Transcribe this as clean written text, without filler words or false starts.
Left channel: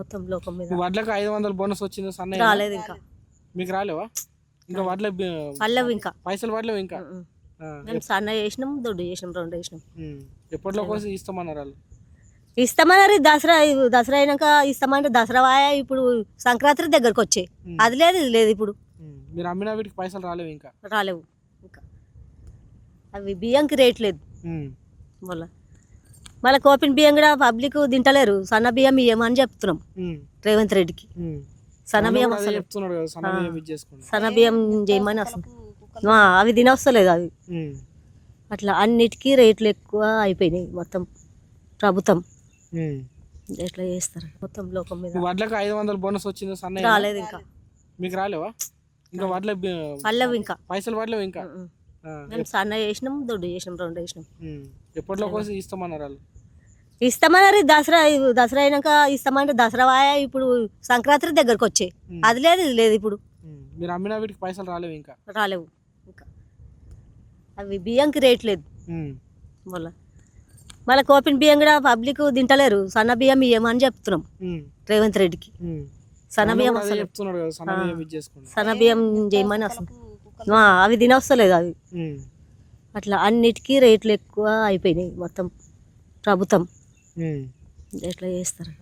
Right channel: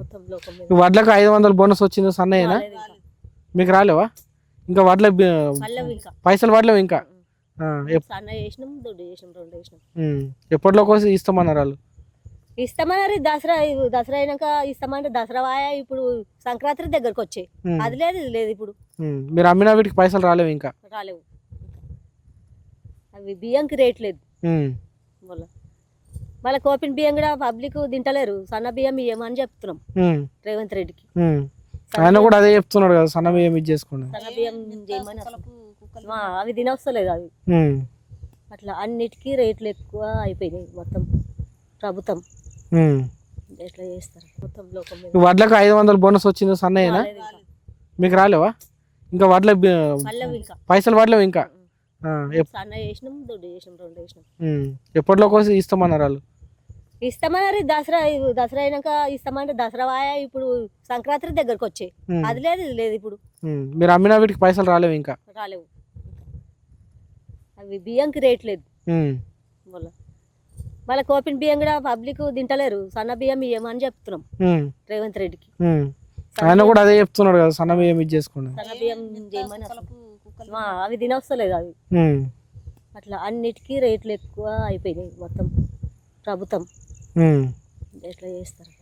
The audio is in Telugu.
మొత్తం లోకం మీద వడ్లకు 500 బోనస్ వచ్చింది సన్నయ్య. రాలేదు ఇంకా. మీకు రాలేవా? ఇంకా వడ్ల పల్లవి ఇంకా పైసలు పడలేవు ఇంకా. మేము సన్న చేసినాం, దొడ్డు చేసినాం, రెండు చేసినాం. ఎప్పట్లో కోసం ఇస్తామన్నారు వాళ్ళు. ఇస్తామన్నారు దసరా అయినాక ఇస్తామంటే దసరా వాయా ఇప్పుడు సంక్రాంతి దగ్గరకు వచ్చాయి. అది లేదు ఇది లేదు ఇప్పుడు. మీరు అమ్మిన వీటికి పైసలు రాలేవు ఇంకా. రాలేవు ఇంకా. అవి బియ్యంకి రేట్ లేదు మళ్ళీ కోపిన బియ్యం కూడా పబ్లిక్ తింటలేరు. సన్న బియ్యం ఇయ్యమని చెప్తున్నాం రేవంత్ రెడ్డికి. ఆయన కూడా అదే చెప్తున్నాడు కదా, సన్న బియ్యం ఇది చేసుకోండి, సన్న బియ్యం చేయమని. అసలు అవి తినవస్తలేదు అవి. అట్లా అన్నిటికీ రేట్లు ఎక్కువ అయిపోయినాయి మొత్తం. ప్రభుత్వం ఎట్లా చేస్తారు మొత్తం లోకం మీద. వడ్లకు 500 బోనస్ వచ్చింది సన్నయ్య. రాలేదు ఇంకా. మీకు రాలేవా? ఇంకా వడ్ల పల్లవి ఇంకా పైసలు పడలేవు ఇంకా. సన్న చేసినాం, దొడ్డు చేసినాం, రెండు చేసినాం. ఎప్పట్లో కోసం ఇస్తామన్నారు వాళ్ళు. ఇస్తామన్నారు దసరా అయినాక ఇస్తామంటే దసరా వాయా ఇప్పుడు సంక్రాంతి దగ్గరకు వచ్చాయి. అది లేదు ఇది లేదు ఇప్పుడు. మీరు అమ్మిన వీటికి పైసలు రాలేవు ఇంకా. రాలేవు ఇంకా. అవి బియ్యంకి రేట్ లేదు మళ్ళీ కోపిన బియ్యం కూడా పబ్లిక్ తింటలేరు. సన్న బియ్యం ఇయ్యమని చెప్తున్నాం రేవంత్ రెడ్డికి. ఆయన కూడా అదే చెప్తున్నాడు కదా, సన్న బియ్యం ఇది చేసుకోండి, సన్న బియ్యం చేయమని. అసలు అవి తినవస్తలేదు అవి. అట్లా అన్నిటికీ రేట్లు ఎక్కువ అయిపోయినాయి మొత్తం. ప్రభుత్వం ఎట్లా చేస్తారు.